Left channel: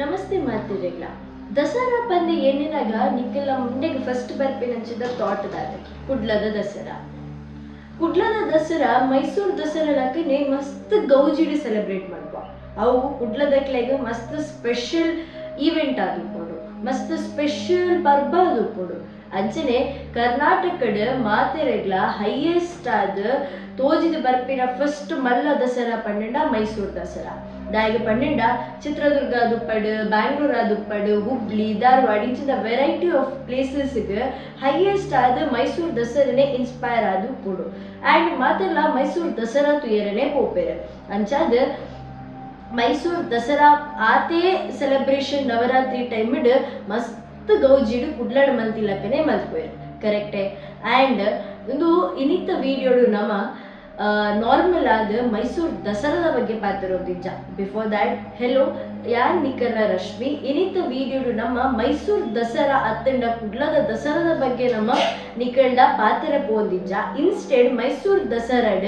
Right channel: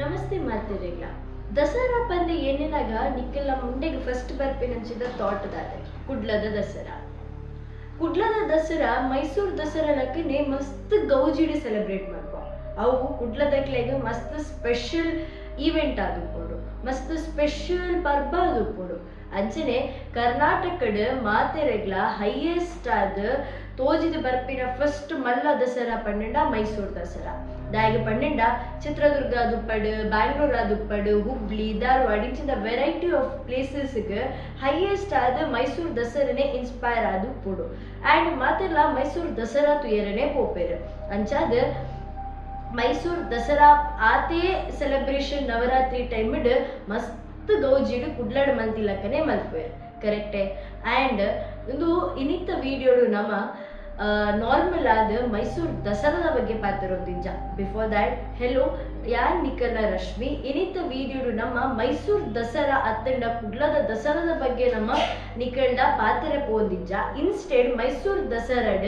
ನಮಸ್ತೆ ಮಾತಿರಿಗ್ಲ Dasara ಪಂದೆ ಏನಿನಾಗ ನಿಕ್ಕೆಲ್ಲ ಮುಂಡೆಗೆ first ಬರ್ಪಿನಂಚಿದ thought ದಾದೆ ಕುಡ್ಲದ ದಸರಾ ಮೈಸೂರು ದಸರಾ ಲಕ್ಕನೆ ಮಸ್ತ್ ಗೌಜಿಡಿ ಸೆಲೆಬ್ರೇಟ್ ಮಾಡ್ಬ ಅವು ಕುಡ್ಲದಕ್ಲೆಗೆ ಮಸ್ತ್ ಸ್ಪೆಷಲ್ ಈವೆಂಟ್ ಆದುಕೊಂಡು ಮಸ್ತ್ ಸ್ಪೆಷಲ್ ಪರ್ಬ ಆದುಕೊಂಡು ಅಂಚನೆ ಕರ್ನಾಟಕದ ಮಾತೆರೆಗ್ಲ ಹೈಯೆಸ್ಟ್ ಆದ ತೋಜಿದ ಬರ್ಪಿನ ಫಸ್ಟ್ ಮಲ್ಲ ದಸರಾ ಪಂಡ ಮೈಸೂರು ದಸರಾ ದಾಯಿಗೆ ಪಂಡ ಚಿತ್ರದುರ್ಗ ದುಪ್ಪಡು ಬ್ಯಾಂಗ್ಳೂರ್ ದುಪ್ಪಡು ಹುಬ್ಳಿ ಧಾರವಾಡ ಇಂಚಿನ ವೆರೈಟಿ ಆಫ್ ಪ್ಲೇಸಸ್ಗೆ ಹೈಯೆಸ್ಟ್ ಆದ ಮೈಸೂರು ದಸರನೆ ಇನ್ಸ್ಪೈರ್ ಆದು ಪುಡು ಆ್ಯಂಡ್ ಮಾತೆಲ್ಲ ಮೈಸೂರು ದಸರಾ ತುಯರನೆ ಪೋಪೇರು ಅಂಚಾದ ಮೈಸೂರು ದಸರಾ ಆತೇ ಸೆಲೆಬ್ರೇಷನ್ ನವರಾತ್ರಿ ಟೈಮಿಡ್ ಮಸ್ತ್ ಗೌಜಿಡು ಕುಡ್ಲಾಡ್ ಮಂತಿಲಕ್ಕನೆ ಮಲ್ಪೇರು ಕರೆಕ್ಟೇ ಆ್ಯಂಡ್ ಒಂದು ಇನ್ನಿತ್ತ ವಿಡಿಯೋಡು ನಮ್ಮ ನಾರ್ಮಲ್ ಆದ ಮೈಸೂರು ದಸರಾದ ಬಗ್ಗೆ ಪಾತಿರೋದಿಜ್ಜ ಬಿಫೋರ್ ದ್ಯಾಟ್ ಹೆಲೋ ಯಾನ್ ನಿಕಲ ರಶ್ಮಿ ಇನ್ನಿತ್ತ ವಿಡಿಯೋಡು ನಮ್ಮ ಮೈಸೂರು ದಸರಾ ಅತ್ತಂಡ ಕುಡ್ಲದ ದಸರಾದ ಬಗ್ಗೆ ನಮ್ಮ ನಿಕಲ್ಡ ಪಾತಿರ ಪೋಂದಿಜ್ಜ ಇನ್ಸ್ಟೆಡ್ ಮೈಸೂರು ದಸರಾಡ್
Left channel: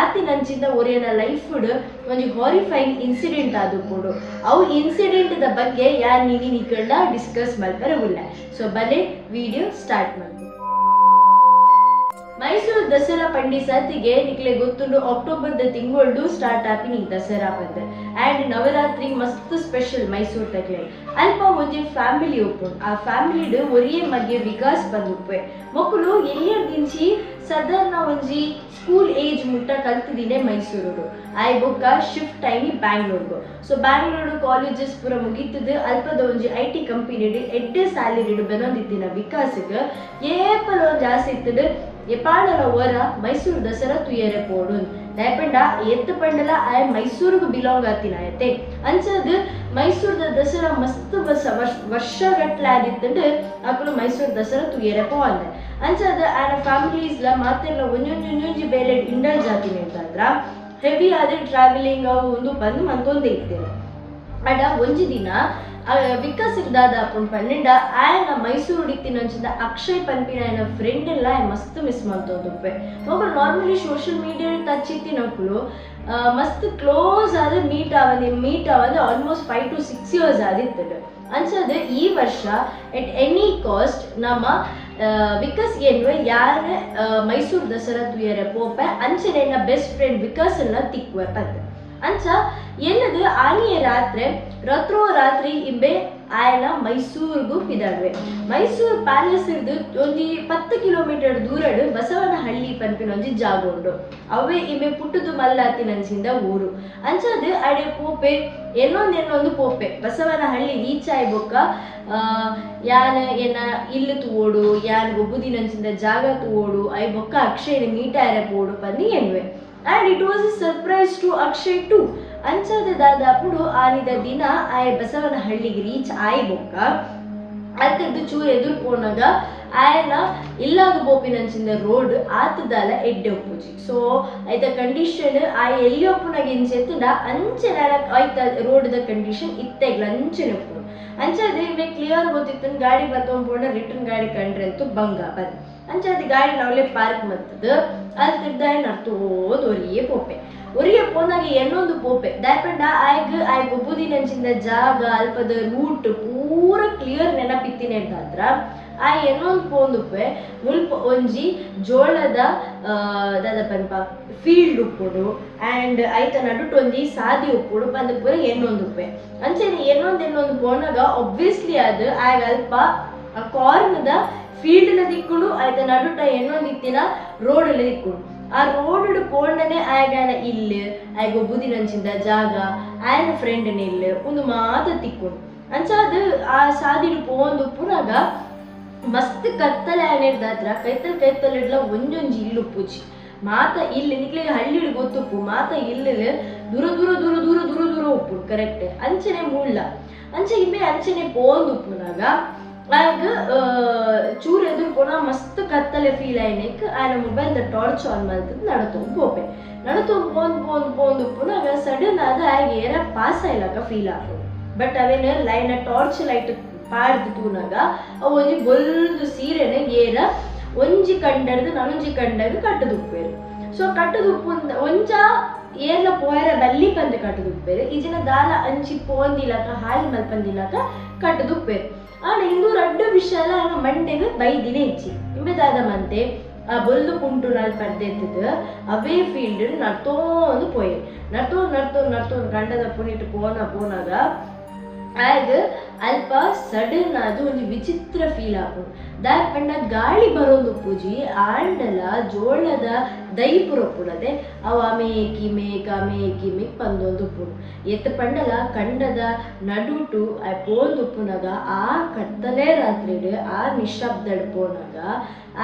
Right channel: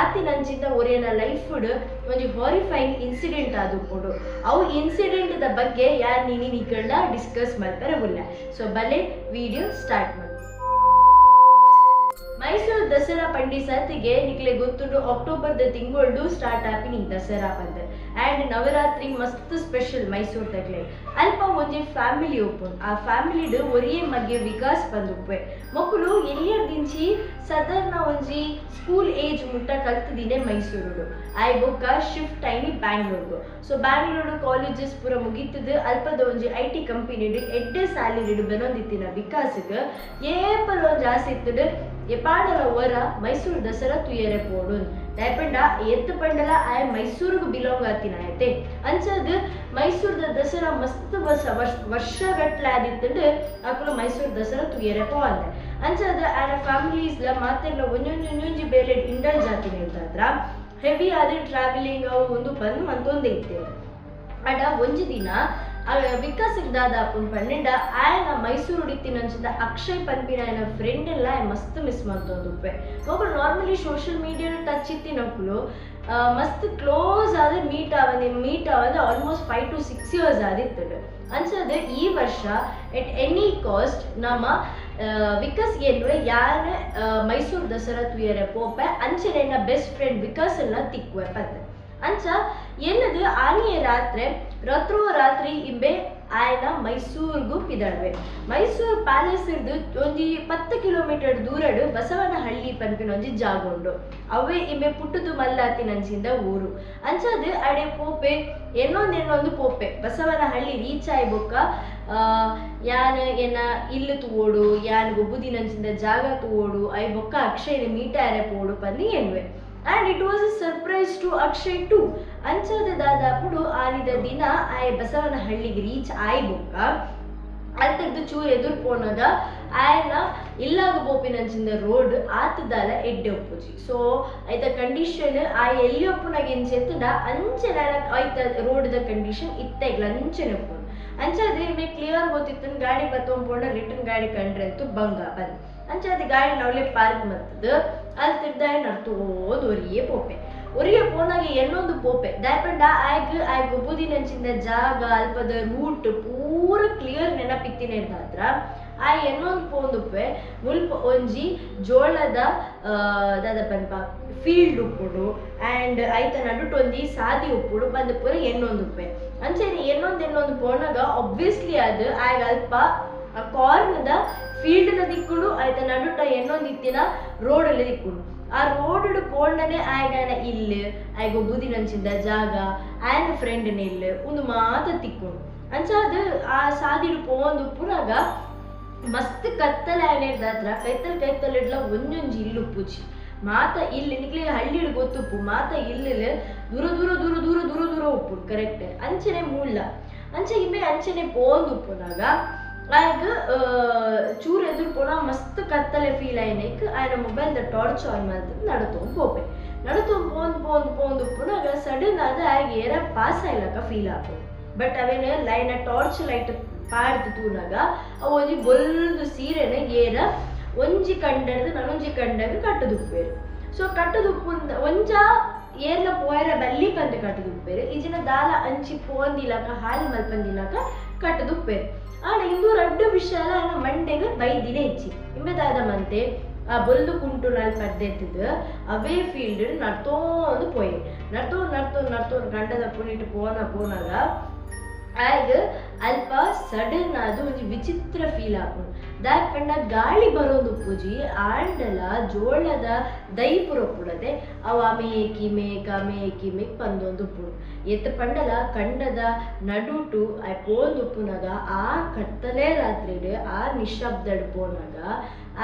ಆತಿನಂಚಿಂದ ಒರಿಯನ ಲೈಫ್ಡ್ ಒಂದು ಹಾರಿಫೈಯಿಂಗ್ ಇನ್ಸಿಡೆಂಟ್ ಆದುಕೊಂಡು ಅವು ಇನ್ಸಿಡೆಂಟ್ದ ಬಗ್ಗೆ ಯಾನ್ ನೀನಿ ನಿಕಲ್ಡ ಡಿಸ್ಕಸ್ ಮಾಡ್ತಾರೆ ಉಲ್ಲ ಸೊ ಬಲೆ ವಿಡಿಯೋ ಸ್ಟಾರ್ಟ್ ಮಾಡ್ತೀವಿ. ಮೈಸೂರು ದಸರಾ ಪಂಡಿ ಸತಿಗೆ ನಿಕ್ಲೆ ಗೊತ್ತುಂಡು ಅಕ್ಟೋಬರ್ದ ತಿಂಗಳು ಸ್ಟಾರ್ಟ್ ಆಪಿನ ಈ ದಸರಾ ಪಂದ್ ಆ್ಯಂಡ್ ನವರಾತ್ರಿ ಮಸ್ತ್ ಸ್ಪೆಷಲ್ ಮೈಸೂರು ತಕ್ಲೆ ಅಲ್ಪ ಒಂಜಿ ಫ್ಯಾಮಿಲಿ ಉಪ್ಪುಂಡು ಆ ಫ್ಯಾಮಿಲಿಡ್ ಒರಿಯೇ ಮಗೆ ವಿಕಾಸ್ ಬಂದುಪ್ಪೆ ಮಕ್ಕಳು ಎಲ್ಲಿಯರ್ದಿಂಚಿ ಸಾಧಾರಣ ಒಂಜಿ ಸ್ಕೂಲ್ ಏಜ್ ಮುಟ್ಟ ಕಲ್ತಿದ್ದೀನಿ ಮೈಸೂರು ಆಯ್ ಬೊಕ್ಕ ಶಿಫ್ಟ್ ಆಯ್ನಿ ಬ್ಯಾಂಗ್ಳೂರ್ಗು ಸೊ ಬ್ಯಾಂಗ್ಳೂರು ಕಾಲೇಜಸ್ ಪೂರ ಮುಗೀತದ ಅಲ್ಪದ ಒಂಜಿ IT ಕಂಪನಿಡ್ ಎಡ್ಡೆ ಸ್ಯಾಲರಿಡ್ ಬೆನೊಂದಿತ್ತಿನ ವಿಕಾಸಕ್ಕೆ ಏಪಲ ಒಂಜಿ ಆಸೆ ಇತ್ತದ ಎಪಾಡಲ ವರ ಮೈಸೂರು ದಸರಾ ತುಯರೆ ಪೋಡುನ್ ದಯಪಂಡ ಎತ್ತು ಪಂಡಲ ಆಯ ಮೈಸೂರಿಗೆ ಬಿಲಾಂಗ್ ಆತಿನ ಆಯತೆ ಅಂಚದು ಮೈಸೂರದ ದಸರಾ ಮಸ್ತ್ ವರ್ಷಗಟ್ಲೆ ಆದಿತ್ತಂಡು ಅಕ್ಕಳು ಮೈಸೂರು ದಸರಾ ತುಯರೆ ಪೋ ಅಂದೆ ಅಂಚದು ಆನ ಫ್ಯಾಮಿಲೀಸ್ಲ ಮಾತೆಲ್ಲ ಒಂಜೊಂಜಿ ಬೇಲೆ ಇಂಡಲ್ಜ್ ಆತಿನ ಇದ್ದಾದ್ರ ಹೆವಿ ಆದ ಟ್ರಾವೆಲಿಂಗ್ ಅವು ಒಂದು ಬಂದು ಮಂತೊಂದೇ ಇತ್ತೇನೆ ಅಡ ಒಂಜಿ ದಿನ ವಿಕಾಸ್ ಇರ್ದಾದ ಅಪ್ಪುಂಡು ಪನ್ನೆಂಡ ಆಯನ ಮೈಸೂರು ಉಡಿತಿನಂಚಿದ ಅಕ್ಷಯ್ ಪನ್ಪಿನ ಆಯನ ಫ್ರೆಂಡ್ ಎಲ್ಲ ಮಸ್ತ್ ಮಿಸ್ ಮಾಡ್ತೋದುಪ್ಪೆ ಮಕ್ಕಳು ನಾರ್ಮಲಿ ಸೋಷಿಯಲ್ ಮೀಡಿಯಾ ಟಚ್ ಇತ್ತಿನಕ್ಕಳು ಮಸ್ತ್ ಕ್ಲೋಸ್ ಆದ ಮೀಟ್ ಆವದೆ ಆಲ್ಮೋಸ್ಟ್ 5 to 6 years ಆದಿತ್ತದು ಅನ್ಸದು ಈ ವರ್ಷ ಎಟ್ ಎನಿ ಕಾಸ್ಟ್ ನಮ್ಮ ವಿಕಾಸ್ ಏನು ಯಾರ ಮೈಸೂರು ದಸರಾ ತುಯರೆ ಪೋಪೆ ಅಂಚನೆ ನನ್ನ ಬೆಸ್ಟ್ ಫ್ರೆಂಡ್ ವಿಕಾಸ್ ಎಲ್ಲ ತಿಕ್ವೆ ಪಂತ ಅಂಚ ಏನದು ಆನಿಯ ರಾತ್ರಿ ಇಂಬೆ ಆಯನ ಮೈಸೂರಿಗೂ ಪಿದಾಡ್ವೆ ಮೈಸೂರು ಪ್ಯಾಲೇಸ್ ಇರ್ದು ಒಂಜಿ 10 ಕಿಲೋಮೀಟರ್ ದೂರಡು ಬಸವನಹಳ್ಳಿ ಪನ್ಪಿನ ಒಂಜಿ ಜಾಗ ಉಂಡು ಅವೇ ಇಂಬೆ ಪುಟ್ಟದು ಮಲ್ಲಾತಿನಂಚಿಂದ ಊರು ಅಂಚದು ಅಡೆ ಪೋಪೆ ಏನೊಂದು ಪೋಪೆ ಬಸವನಹಳ್ಳಿ ರೀಚ್ ಆಯ್ಬೊಕ್ಕ ಯಾನ್ ಏನ ಇಲ್ಲಿ ತೂವೋಡು ಯಾನ್ ಒಬ್ಬುದಿನಂಚಿಂದ ಜಾಗ ತೂವೋಡು ಐಬೊಕ್ಕ ಅಕ್ಷಯನ ಮೀಟಾರೆ ಪೋಡು ಪಂದಿ ಎನ್ವೆ and it was a surprise to Akshay too ಅಂಚದ ದಾದಾಪುಡು ಆನಿದ ದಿನ ಆಯ್ ಬಸವನಹಳ್ಳಿಗೆ ರೀಚ್ ಆಯ್ಬೊಕ್ಕ ಅತ್ತದ್ದು ಚೂರು ಎದುರು ಪೋನಾಗ ಆಯನ ಇಲ್ಲಾಗ ಬೋಪಿನಂಚಿಂದ ರೋಡ್ ಆತದಾಲ ಎಡ್ಡೆ ಒಪ್ಪುಜಿ ಸೊ ಐತ ಕಂಡೀಷನ್ ಆಯ್ ಎಲ್ಲಿ ಒಪ್ಪುನಾಗ ಎಂಚೆತ್ತದ ಅಂಚೆನ ಆಯ್ತ ರೋಡ್ದ ಕಂಡೀಷನ್ ಇತ್ತೆಗ್ಲ ಅಂಚೆನ ಒಪ್ಪುನು ಅಂಚದೆ ಇವೆ ಕ್ಲಿಯರ್ ಗೊತ್ತಿತ್ತು ಗಾಡಿ ಬತ್ತೊಂಪೋಂಡ ರಿಟರ್ನ್ ಗಾಡಿ ಕಂಡ್ರೆ ಅಂತೂ ಬಂಗ ಬಂದ್ ಅಂಚದೆ ಗಾಡಿ ನಾವಲ್ಲೇ ಪಾರ್ಕ್ ಮತ್ತದು ಅಲ್ಲಿ ತಿರ್ದಾಯ ನಡ್ತೋದು ಒರಿಯೇ ಪೋನಾಗ ಏನೊಂದು ಪೋಪೆ ದಾಯಪಂಡ ಆಯ್ಗ ಒಬ್ಬುದಿನಂಚಿಂದ ಜಾಗ ಅಲ್ಪದ ರೂಟ್ ಪೂರ ಕ್ಲಿಯರ್ ನೆನಪಿತ್ತಿನೇದಾದ್ರ ಆ ಏನೊಂದು ಪೋಂದುಪ್ಪೆ ಮುಲ್ಪ ಒಂಜಿ ಜೋಳದ ದಾದಪನ್ಪ ಫೀಲ್ಡ್ ಉಪ್ಪುಡು ಆ್ಯಂಡ್ ಐತ ನಡುಟ್ ಒಂಜಿ ಸಾದಿ ಉಪ್ಪುಡು ಪಂದ ಪೂರ ಏನೊಂದುಪ್ಪೆ ಅಂಚೆನೆ ಏನೊಂದು ಪೋನಾಗ ಒಬ್ವಿಯಸ್ಲಿ ಅದು ಆಯ್ಗ ಅಲ್ಪ ಆ ಕಾರ್ನ್ದ ಫೀಲ್ಡ್ನ ದಿಕ್ಕುಡು ಆಯ್ತ ನಡುಟ ಏನೊಂದಿತ್ತಿನ ರೋಡಲ್ಲಿ ದಿಕ್ಕುಡು ಆ ರೋಡ್ ಪೋಂಡನೆ ಆಯ್ಗಾನ ಇಲ್ಲಿ ಆಯ್ಗ ಒಬ್ಬುದಿನಂಚಿಂದ ಜಾಗ ಆಯ್ನ ಫ್ರೆಂಡ್ನ ಇಲ್ಲಿ ಒಂದು ಮಾತ ತಿಕ್ಕುಡು ಅಂಚಾದ ಆ ಸಾದಿಡು ಪೋಂದು ಪುರಾಗ ಮಸ್ತ್ ಕತ್ತಲೆ ಆಯ್ನಿರ್ದಾತ್ರ ಕೈತಲ್ ಒಂಜೊಂಜಿ ಇಲ್ಲು ಉಪ್ಪುಜಿ ಮಾತ ಇಲ್ಲಿ ನಿಕ್ಲೆ ಹಳ್ಳಿಡ್ ಗೊತ್ತುಪ್ಪು ಮಾತ ಇಲ್ಲಿ ದೂರ ಉಪ್ಪುಡು ಕರೆಕ್ಟ್ ಅಂಚನೆ ಮೂಳ್ಳ ಅಂಚನೆ ಪೋಂದು ಉಪ್ಪುನಾಗ ಆಯ್ಗ ಚೂರು ಎದುರು ಪೋನ ಮಸ್ತ್ ಕತ್ತಲೆ ಫೀಲ್ ಆಯ್ನಕ್ ಆಯ್ನ ಮೊಬೈಲ್ದ ಟಾರ್ಚ್ ಆನ್ ಮಾಡ್ತದ ನಡತೋ ಪೋಂದು ಉಪ್ಪುನಾಗ ಸಡನ್ ಆದ ಆಯ್ಗ ಏರ ಪಾಸ್ ಆಯ್ಲಕ ಫೀಲ್ ಆಗ್ತದೆ ಬಟ್ ಅವೇನು ಲೈನ ಟಾರ್ಚ್ ಲೈಟ್ ಪಾಡ್ದು ತೂನಾಗ ಅವು ಒಂಜಿ ಗೊಲ್ದು ಸೀರೆನ ಏರ ಒಂಜಿ ಕಂಡರ್ದು ನನೊಂಜಿ ಕಂಡಾಗ ಕಟ್ಟದುಪ್ಪೇರು ಸೊ ಕಟ್ಟದುಪ್ಪು ಒಂಜ ಏರ್ಲ ಪೋಯರ ಬಲ್ಲಿ ಪಂದ್ ಕಟ್ಟದುಪ್ಪೇರು ಈಜಿನ ದಾಲ ಅಂಚಿ ಪೋಂದಿಲಕ ಹಾಲ್ ಮಲ್ಪಂದಿಲಕ ಕಟ್ಟದುಪ್ಪೇರು ಆಂಡ ಇಂದು ರಡ್ಡು ವಿಷಯಲ ಆನ ಮಂಡೆಗೆ ಬೈದಿನೇ ಇಚ್ಚಿ ಇಂಬೆದಾದ ಮಂತೆ ಆ ಬೊಲ್ಲು ಕುಂಟು ನಾಲ್ ಪರ್ದೆತ್ತದು ಅವೇ ಫೀಲ್ಡ್ ನಡ್ತೋಂದು ಪೋಯೆ ನಡ್ತೋಂದು ಗಂಡದ ಪುಣಿಟ್ಟು ಪೋನಾಗ ಆಗ ಅಲ್ಪ ಸಡನ್ ಅದು ಒಂದು ವಿಚಿತ್ರ ಫೀಲ್ ಆಪುಂಡು ದಾಯ್ ಪಂಡ ಗಾಳಿ ಬರೋದು ಪೂಜಿ ಆಂಡಲ ಜೋಳದ ದೈ ಪುರಪುಡದೆ ಅವು ಅಮೇಕಿ ಮೇಕ್ ಪಂದೊಂದು ಉಪ್ಪುಂಡು ಎತ್ತ ಪಂಡಲ ಕಂಡದ ನಡುಟು ಪೋಂದು ಉಪ್ಪುನಾಗ ಆ ಕತ್ತಲೆ ರಾತ್ರಿಡು ಆ ನಿಶಬ್ದಡ್ ಪೋನಾಗ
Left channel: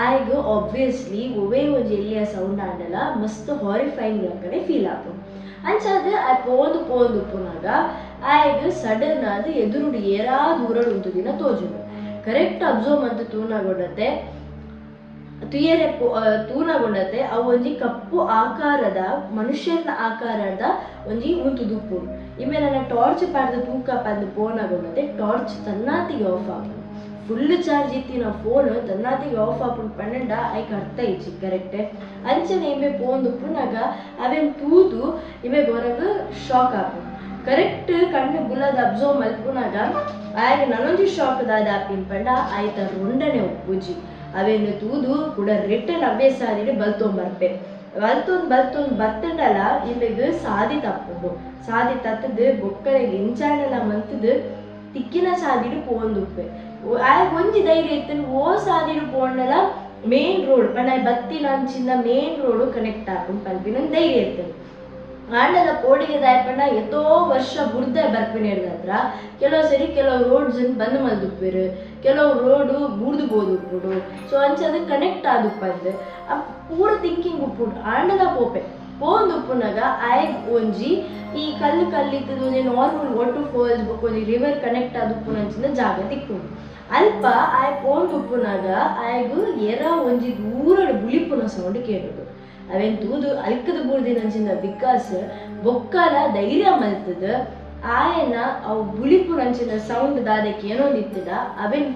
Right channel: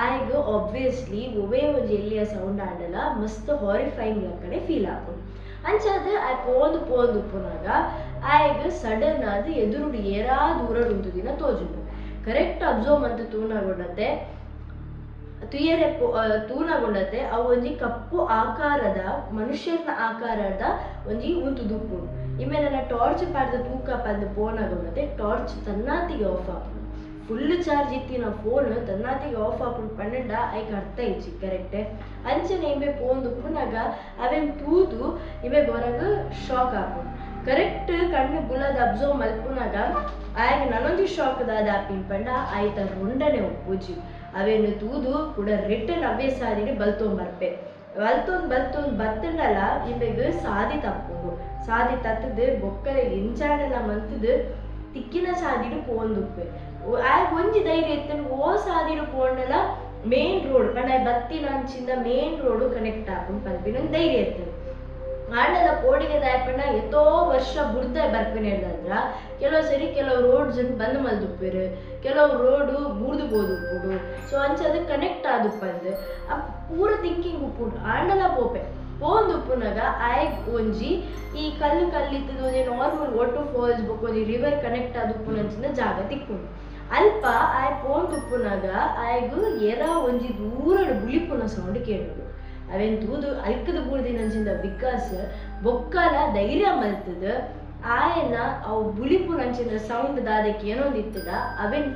ಆಯ್ಗ ಆಬ್ವಿಯಸ್ಲಿ ಒವೇ ಒಂದು ಎಲ್ಲಿಯ ಸೌಂಡ್ ಆಂಡಲ ಮಸ್ತ್ ಹಾರಿಫೈಯಿಂಗ್ ಲಕ್ಕನೆ ಫೀಲ್ ಆಪುಂಡು ಅಂಚಾದ ಆ ಪೋಂದು ಉಪ್ಪುನಾಗ ಆಯ್ಗ ಸಡನ್ ಆದ ಎದುರುಡು ಏರಾ ದೂರಡು ಉಂಟು ದಿನ ತೋಜುಂಡು ಕರೆಕ್ಟ್ ಅಬ್ಸರ್ವ್ ಮಂತ್ ತೂನಗೊಂಡತೆ ಅವು ಒಂಜಿ ಕಪ್ಪು ಆಕಾರದ ಮನುಷ್ಯನ ಆಕಾರದ ಒಂಜಿ ಉಂತು ದುಪ್ಪುಂಡು ಇಮೆ ನನ್ನ ಟಾರ್ಚ್ ಪಾಡ್ದು ತೂಕ ಪಂದು ಪೋನಾಗೊಂಡತೆ ಟಾರ್ಚ್ ತನ್ನಾತಿಗೆ ಆಫ್ ಆಪುಂಡು ಫುಲ್ ಚಾರ್ಜ್ ಇತ್ತಿನ ಫೋನ್ ತನ್ನಾತಿಗೆ ಆಫ್ ಆಪುಂಡು ಪಂಡ ಐಕ್ ಅರ್ಥ ಇಚ್ಚಿ ಕರೆಕ್ಟೆ ಅಂಚನೆ ಇಮೆ ಪೋಂದು ಉಪ್ಪುನಾಗ ಅವೆನ್ ತೂದು ಇಮೆ ಗೊರಗ ಶಾಕ್ ಆಪುಂಡು ಕರೆಕ್ಟ್ ಕಣ್ಣು ಗುಲದ ಅಬ್ಸರ್ವ್ ಮಲ್ಪುನಾಗ ಆಗ ನನೊಂದು ಶಾಕ್ ದಾದ ಆಪಿನ ಪಂಡ ಆಯ್ತ ರೊಂಡನೆ ಉಪ್ಪುಜಿ ಅವೇನು ತೂದು ಕೂಡ ರಿಟರ್ನ್ ಅವೇ ಸಾದಿಡು ಬಲ್ತೊಂಬರ್ಪೆ ಬಲ್ತೊಂದು ಬತ್ತಂಡಲ ಇಮೆಗೆ ಸಾದಿ ತಪ್ಪುಂಡು ಸಾದಿ ತತ್ತದು ಬೊಕ್ಕಳಿಗೆ ಇಂಚಾಂಡಲ ಮಂತದು ತಿಕ್ಕಿನ ಸಾದಿಡು ಪೋಂದುಪ್ಪೆ ಆಗ ಒಂಜಿ ಧೈರ್ಯ ಇತ್ತನು ಓ ಸಾದಿಡು ಪೋಂಡಲ ಮೇನ್ ರೋಡ್ ಪಂಡ ಬತ್ತಿನ ಅಂಚಿಂದ ಮೇನ್ ರೋಡು ಕನೆಕ್ಟ್ ಆಪುಂಡು ಪಲ್ಪಿನ ಧೈರ್ಯ ಇರ್ತದೆ ಆಂಡಲ ಕೋಡಿಗೆ ದಾಯಪಂಡ ಎಷ್ಟೋ ವರ್ಷ ಬುರ್ದ ಬರ್ಪಿನಿರ್ದತ್ರ ಕೆಲವು ರೋಡ್ಸ್ ಬಂದ್ ಮಲ್ದುಪ್ಪೇರು ಕೆಲವು ರೋಡು ಬೂರ್ದು ಬೋದುಪ್ಪುಡು ಸೊ ಅಂಚದು ಕನೆಕ್ಟ್ ಆದುಪ್ಪಂದು ಪೂರ ಥಿಂಕಿಂಗ್ ಉಪ್ಪುಡು ಆಂಡಲ ಪೋಪೆ ಪೋಂದುಪ್ಪುನಾಗ ಆಯ್ಗ್ ಒಂಜಿ ಈ ಕಲ್ಲಿತ್ತದು ಒಂಜಿ ನಾರ್ಮಲ್ ವಾಟರ್ ಫಾಲ್ಸ್ ಒಂಜಿ ರಿವರ್ ಕನೆಕ್ಟ್ ಆದುಪ್ಪುನಂಚಿನ ಜಾಗ ತಿಕ್ಕುಂಡು ಅಲ್ಪ ಆಯ್ ಪೋಂದುಪ್ಪುನಾಗ ಆಯ್ಗು ಎರ ಒಂಜಿ ದೂರಡು ಬುಳಿಪುನ ಸೌಂಡ್ ಕೇಳುದು ಅವೇನ್ ತೂದು ಅಲ್ಕದ ಬೂರ್ದಿನಂಚಿಂದ ಬಿಕಾಸ್ ಬೊಕ್ಕಲ ಧೈರ್ಯ ಮಲ್ತದ ಆಯನ ಅವು ಬುಳಿಪು ನಂಚಿನ ಸೌಂಡ್ ದಾದಕ್ಕೆ ಏನೊಂದಿತ್ತದ ಅವೇನ್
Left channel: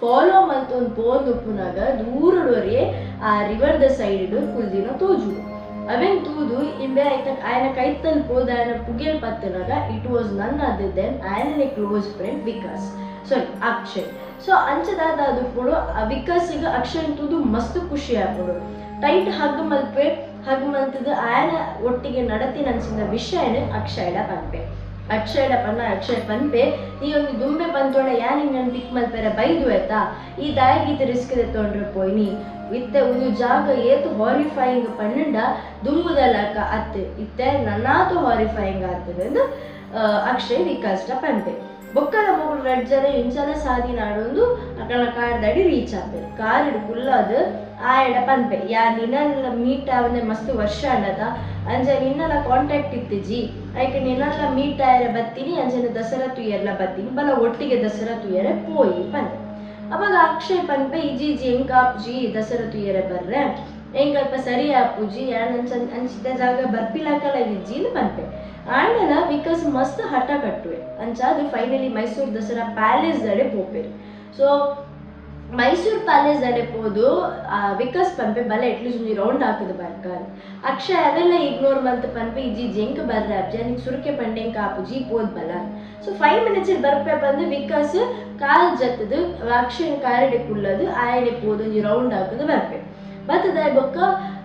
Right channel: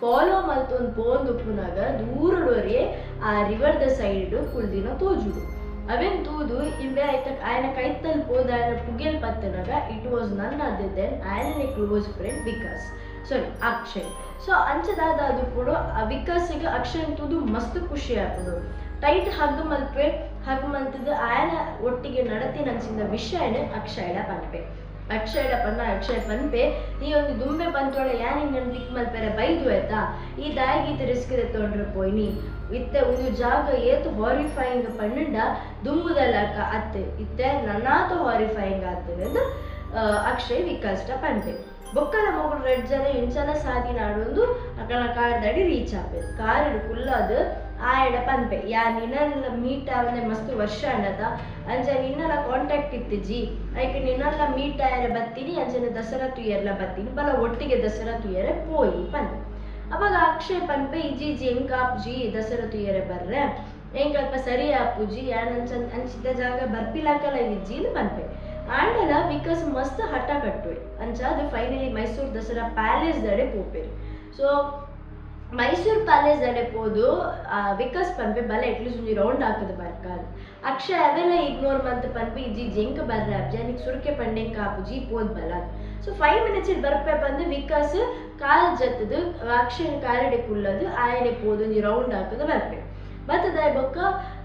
ಫಾಲೋ ಮಲ್ತೊಂದು ಪೋಂದು ಉಪ್ಪುನಾಗ ದೂರಡೋರೆ ಆ ರಿವರ್ದ ಸೈಡ್ ಕುಳ್ದಿನ ತೋಜುಡು ಅವೇನ್ ತೂದು ಇಂಬೆ ಆಯ್ನ ಕೈತಲ್ ಪೋದ ಆಯ್ನ ಪುಗೆಲ್ ಪತ್ತನಾಗ it was none other than ಆಯ್ನ ಕ್ಲೋಸ್ ಫ್ರೆಂಡ್ ಅಕ್ಷಯ್ ಸೊ ಅಂಚದಾದ ಅದು ಪುಡು ವಿಕಾಸಿಗೆ ಅಕ್ಷಯ್ ತೂದು ಮಸ್ತ್ ಖುಷಿ ಆಪುಡು ಟೈಟ್ ಹಗ್ ಮಲ್ತದ ಆಯನ ಒಟ್ಟಿಗೆ ನಡತಿನ ಅನ್ಸಿದ ವಿಷಯನ ಅಕ್ಷಯ್ ಪನ್ಪೆ ನೀ ಒಂದು ದುಂಬೆ ಬಂತೋಣ ಯಾನ್ ಹಿಂಗನ್ ಪಿಕ್ ಮಲ್ಪೆರ ಬೈದು ಆಯ್ತಾ ಈ ದಾಯಿಗೀತ ರಿಸ್ಕ್ ತೊಂಡ್ರೆ ಪೋಯ್ನಿ ಇತ್ತೆ ಒಂದು ಜಾಗ ಏತು ಹಾರಿಫೈಯಿಂಗ್ ಪನ್ನಂಡ ದುಂಬುದಲ್ಲಕ ಅತ್ತೆ ಇತ್ತೆ ನನ್ನಾತು ಹಾರಿಫೈಯಿಂಗ್ ಆಗ್ತದೆ ಎಂದು ಅಕ್ಷಯ್ ವಿಕಾಸ್ಟ ಪನ್ಪೆ ಬೊಕ್ಕಲ ಮೂಗುಡು ರಡ್ಜರ ಇಂಚಲ ಸಾದಿ ನಾಡೊಂದು ಅಕಲ ಕಾರ್ದಡಿ ರೀಚ್ ಆಪೆ ಕಾರಿಡು ಕುಲ್ಲದು ಆಯಡ ಪನ್ಪೆ ಯಾ ನಿನ್ನಲ್ಲ ಮೀಟ್ ಆವನೆ ಮಸ್ತ್ ವರ್ಷ ಅಂಡದ ಅಂಜ ನಿನ್ನಲ್ಲ ಕಾಂಟ್ಯಾಕ್ಟ್ ಇತ್ತಿಜಿ ಐಕೆ ನಿನ್ನಲ್ಲ ಮೀಟ್ ಆಯರ ಬತ್ತೀನಿ ಅಂಜನ ದಸರಾ ತುಯ್ಯರ್ಲ ಬತ್ತೀನಿ ಬಲ ಒಟ್ಟಿಗೆ ದಸರಾ ತುಯ್ಯರೆ ಪೋಯಿ ಪಂದೆ ಅವಾಗ ಅಕ್ಷಯ್ ಪನ್ಪೆ ಇಜಿ ಎಂಕ ಆಪುಜಿ ದಸರಾ ತುಯ್ಯರೆ ಬರ್ರೆ ಎಂಕಲ್ಪ ಸರಿ ಆಪುಜಿ ಯಾನ್ ಅಂಚಿದ ಜಾಗ ಬರ್ಪಿಲಾಕಲ ಇಜ್ಜಿಲು ಪನ್ಪೆ ಆಂಡಲ ವಿಕಾಸ್ ಮಸ್ತ್ ಹಠ ಕಟ್ಟುವೆ ಅಂಚಾದು ಫೈನಲಿ ಮೈಸೂರು ದಸರಾ ಪ್ಯಾಲೇಸ್ ದಡೆ ಪೋಪೇರು ಸೊ ಮೈಸೂರು ಪ್ಯಾಲೇಸ್ ದಡೆ ಪೋದು ವಿಕಾಸ್ ಪನ್ಪೆ ಬಲ ಎಟ್ಲೀಸ್ಟ್ ಒಂಜಿ ರೌಂಡ್ ಹಾಕದು ಬರ್ಕಾಲ್ ಅಕ್ಷಯ್ ಅವೆಲ್ಲ ಇಗ್ನೋರ್ ಮಂತ್ ಪನ್ಪೆ ಇಜ್ಜಿ ಜೆಂಕ್ ಬರ್ರೆ ಅಬ್ಜಾನಿಗೆ ಸುರಕೆ ಪಂಡೆಂಕ ಆಪುಜಿ ಪೋದ್ ಬಲ ಸೊ 5 minutes ಬರ್ಪೆ ಬಂದು ವಿಕಾಸ್ ಕಾಲ್ ಜತ್ತದು ಅಕ್ಷಯ್ ಕಾರಡೆ ಕುಲ್ಲದು ಆಯನೆ ಪೋದು ಒಂಜಿ ರೌಂಡ್ ಹಾಕದು ಬರ್ಪೆ ಬತ್ತದ ಬೊಕ್ಕ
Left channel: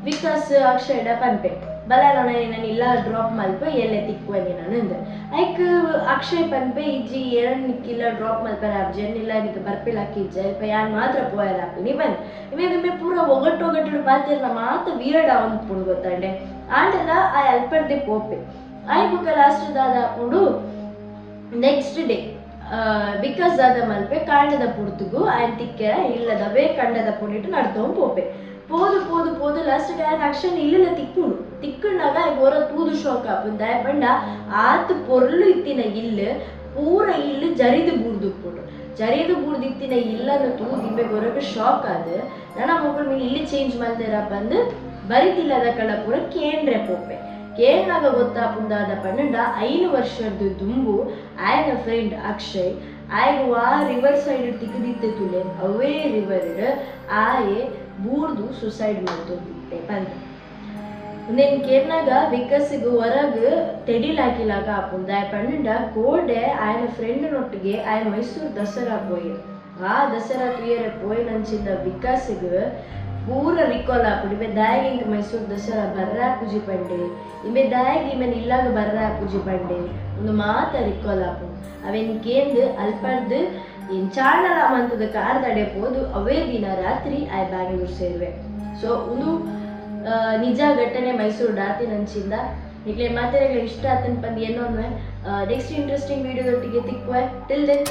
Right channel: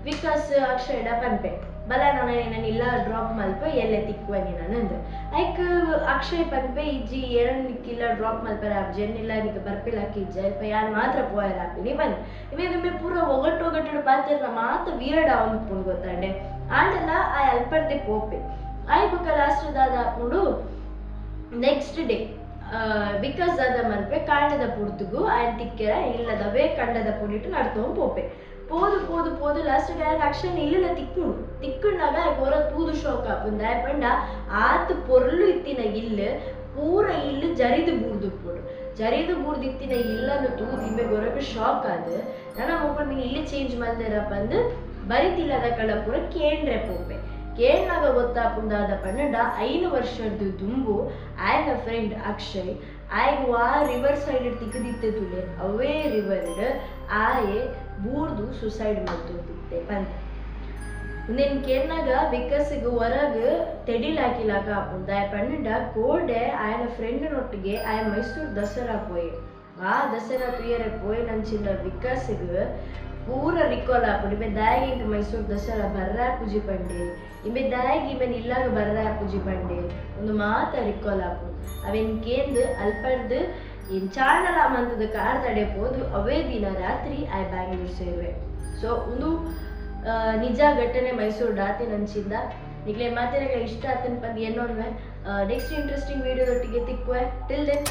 ವಿಕಾಸ್ ಅಕ್ಷಯ್ ಪನ್ಪೆ ಬಲ ನಾನು ಇಲ್ಲ ಡ್ರಾಪ್ ಮಲ್ಪ ಎಲ್ಲೆ ತಿಕ್ವನಿ ನಾನು ಐಕ್ ಅಕ್ಷಯ್ ಪನ್ಪೆ ಇಜ್ಜಿ ನಿಕ್ಕಿಲ್ಲ ಡ್ರಾಪ್ ಮಲ್ಪರ ಅಬ್ಜೆನ್ ಇಲ್ಲ ನಿಕ್ ಬರ್ಪಿಲಾಕಿ ಇಜ್ಜ ಇಲ್ಪ ಯಾನ್ ಮಾತ್ರ ಪೋಯರ್ ಹಾಪಿನಿ ಬಂದ್ ಇವಾಗ ಪೂರ ಒಗಟ್ಟು ಬಾತಿರ್ನ ಮಾತ ವೀರಡ್ ಅವನ್ ಪುಂಡ್ ಗೊತ್ತಂಡೆ ಆಂಡಲ ಆ ಅಲ್ಪರ್ದೆ ಪೋಪೆ ಆಯ್ ಬುಕ್ಕ ಲಾಸ್ಟ್ ದಾದ ಹಾಕೊಂಡು ನೆಕ್ಸ್ಟ್ ಡೇ ಬಿಕಾಸ್ ದಾದ ಮಲ್ಪೆ ಕಾಂಡದ ಪುರ್ತುಗು ಆಯ್ನ ತಿಕ್ಕೆರ ಇಲ್ಲದವೇ ಕಂಡದ ಪುಂಡಿಟ್ಟು ನಡ್ತವ್ ಪೋಪೆ போது லாஸ்ட் அக்ஷன் இல்ல திக்குனாக ஒரு தூது ஷோக் ஆப்பும் தயப்பண்ட ஆத்து பொருள் இத்தின இல்லு பூர இல்லு ஜரிது ಬೂರ್ದು ಇತ್ತಿನ ಇಲ್ಲನ್ನು ತೂದು ಇಂಬೆ ಗೊರಗ ಶಾಕ್ ಆದ ನನ್ನ ಮಕ್ಕಳು ಮೀನು ಇಲ್ಲಿ ಚೇಂಜ್ ಮಾಡ್ದೇರಪ್ಪ ಅಂದು ಬರಿತಿಲ್ಲದ ಕಳ ಪೂರ ಕೇಂಡ್ರೆ ಪೋಪೆ ಕೇಳ್ನಾಗ ಗೊತ್ತಾಪುಂದಾದ ಪನ್ನಂಡ 5 ವರ್ಷದ ದುಂಬು ಆಯ್ನ ಫ್ರೆಂಡ್ ಅಕ್ಷಯ್ ಆಯ್ಗ ಆ ರಿವರ್ ಸೈಡ್ ತಿಕ್ಕದಿತ್ತೆ ತುಲೆ ಅವೇ ರಿವರ್ ಆಯೆ ಬೂರ್ದು ಸುಸೈಡ್ ಮಾಡ್ತೊಂದಿತ್ತೆ ಬಂದ ಉಂದೆನ್ ಕೇರ್ನಾಗ ವಿಕಸಿಗ್ ಹೊರಗ್ ತೆಡಿಲಾಕಿಲಾಗ ಆಪುಂಡು ದಾಯ ಪಂಡ ಕೋಡೆ ಆಯನ ಫ್ರೆಂಡ್ನೊಟ್ಟಿಗೆ ಆಯ ಮೈಸೂರು ದಸರಾ ಪೋಯೆ ಆ ದಸರಾ ತುಯರೆ ಪೋಯಿನಂಚಿನ ವಿಕಾಸಿಗ್ ಪೂರ ರಿಕಾಲ್ ಆಪುಂಡು ಇವೆ ದಾಯಗ ಇಂಕ ಮೈಸೂರು ದಸರಾ ಬರ್ರಾ ಪೂಜಿ ಪಂಡೆ ಇವೆ ದಾಯಗ ಇವೆನ್ ಇಲ್ಲಾಗ ಬರ್ರಾ ಪೂಜಿ ಪಂಡೆ ಒಂದು ಮಾತ ರಿಕಾಲ್ ಆಪುಂಡು ಅವೆನ್ ಕೇಂದು ಅಲ್ಪರ್ದು ಏನ್ ಚಾಣಲ ಮಂತದ ಕಾರ್ದಡೆ ಪೋದು ಅವೇ ದಿನ ರಾತ್ರಿ ಆಯ್ ಬ್ಯಾಂಗ್ಳೂರ್ ಸೇರುವೆ ಸೊ ಒಂದು ನಿಜ ಘಟನೆ ಮೈಸೂರು ಡಾತಿನಂಚಿಂದ ನಿಕ್ಲೆ ಮಾತೆರೆಗ್ಲ ಇಷ್ಟ ಆತನ ಪಂದು ಏನೋ ನೆಕ್ಸ್ಟ್ ಇಂಟ್ರೆಸ್ಟಿಂಗ್ ವಿಡಿಯೋದೊಟ್ಟಿಗೆ ತಿಕ್ಕುವೆ ಟಿಲ್ ದೆನ್